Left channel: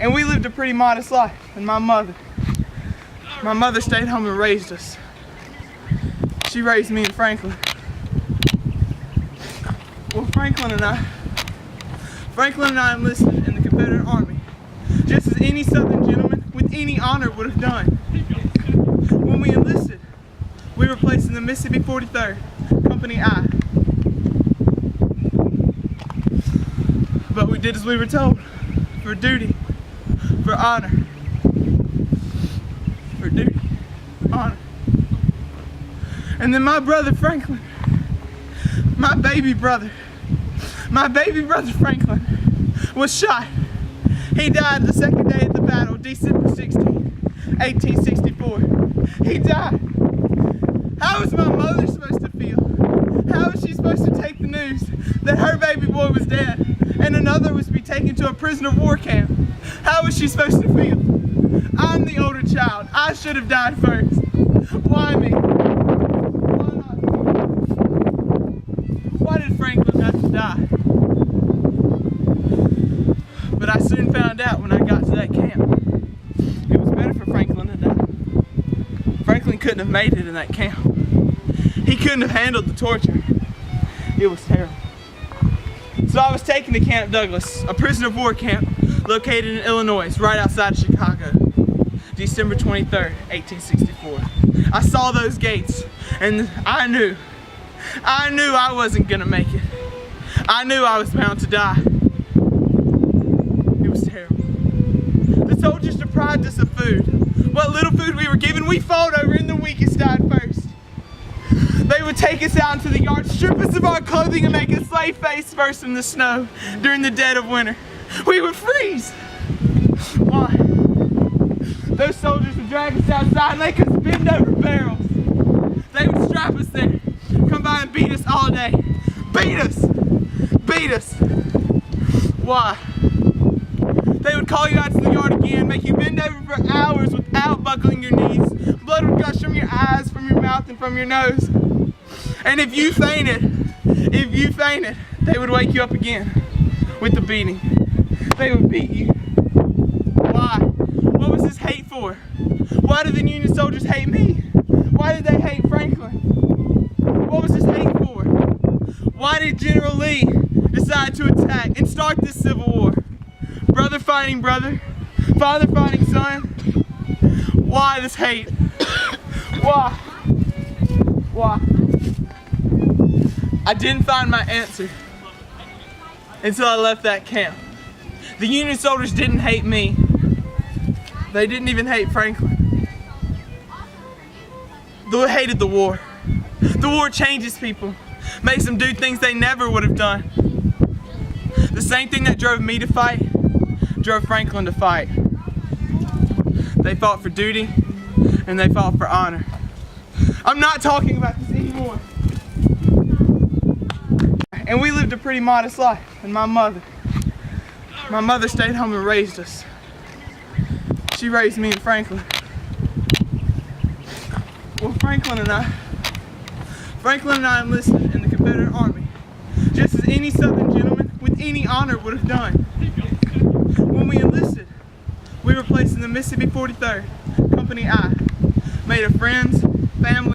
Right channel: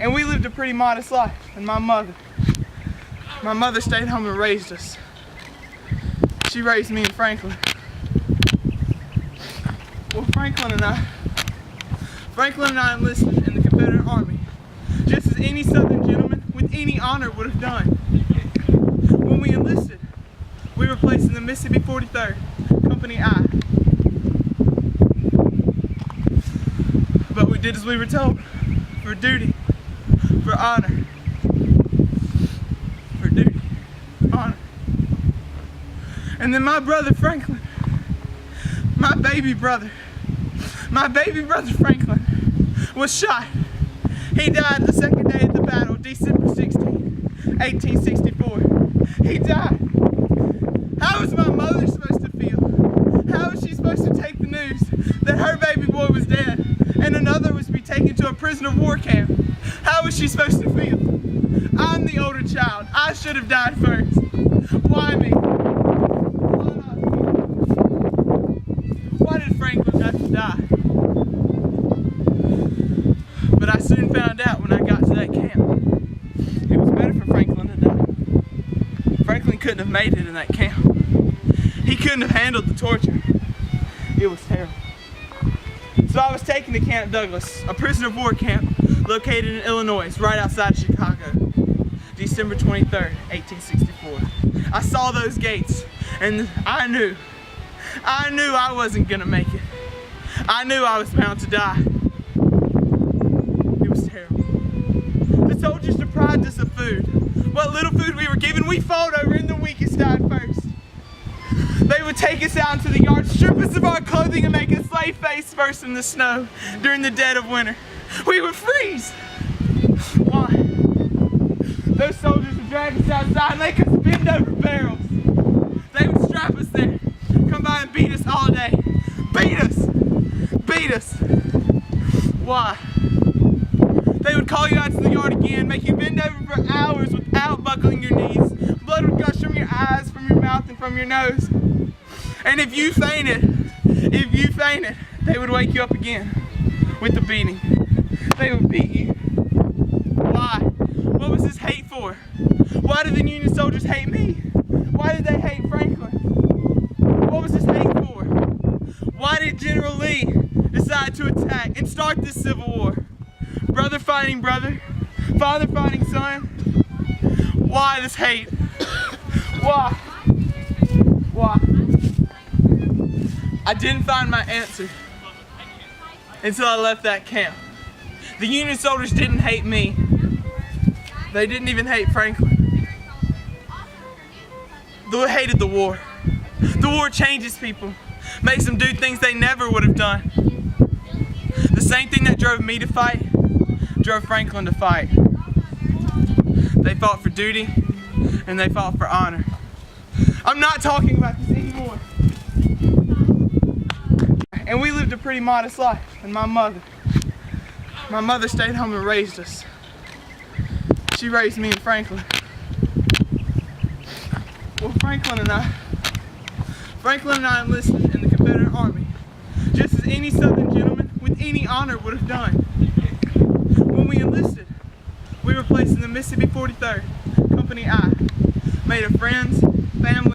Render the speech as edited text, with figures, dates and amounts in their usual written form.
And we lived a pretty modest life. And my mother stayed home and raised us. She raised me and Franklin. Well, Franklin and I enlisted in the Confederate Army, just as any Southern gentleman with any honor would have done. When we enlisted, we were placed in the Mississippi 43rd, Company I. But we did as we were told, for duty, for honor. For duty, honor. And then my brother Franklin, my baby brother Franklin, was shot. He died the second day of the battle, December 16, 1864. He died. How was my mother supposed to feel? How was she supposed to take the news that her baby boy was dead and another was to be taken to a prisoner of war camp? How was she supposed to feel? I'm the older child. I should have died first. Why me? Why not me? Why did Franklin have to die? But I soon found out when I got to that camp, it was better for Franklin to die. Franklin couldn't have made it in that camp. He couldn't have handled the torture. It was terrible. So I was taken to Camp Douglas, a prisoner of war camp located in Illinois, right outside of Chicago, December 23rd, 1864. I saw those gates and I knew I wasn't gonna make it. I knew I was bound to die. It was terrible. The soldiers deprived us of food. What little food we were given, we fought over, and the weakest died first. They would take us out into the yard, strip us of our clothing, and make us lay face first in the snow during the dead of winter. We would freeze. Why? Those soldiers would drag us outside and make us bend over barrels. They would strap us there, come by and beat us all day. Beat us! Beat us! Why? They would call you out to the yard again, make you bend over for hours without buckling your knees. Blood would gush from your eyes, from your mouth, and from your nose. And if you fainted, they would wake you up again with the beating. They would beat you. Why? What was this hate for? Why did the Union soldiers hate me? Why did they hate Franklin? What was this hate for? Why did General Lee decide to attack and start this Civil War? Brother fighting brother, father fighting son. Why this hate? Why? Why? I didn't find my answer until I left that camp. The Union soldiers didn't hate me. They didn't even hate Franklin. They hated the war. The war changes people, makes them do things they never would have done. The same thing that drove me to fight drove Franklin to fight. They fought for duty and they fought for honor. I'm not talking about this anymore. And we lived a pretty modest life. And my mother stayed home and raised us. She raised me and Franklin. Well, Franklin and I enlisted in the Confederate Army, just as any Southern gentleman with any honor would have done. When we enlisted, we were placed in the Mississippi 43rd, Company I, made of friends, family,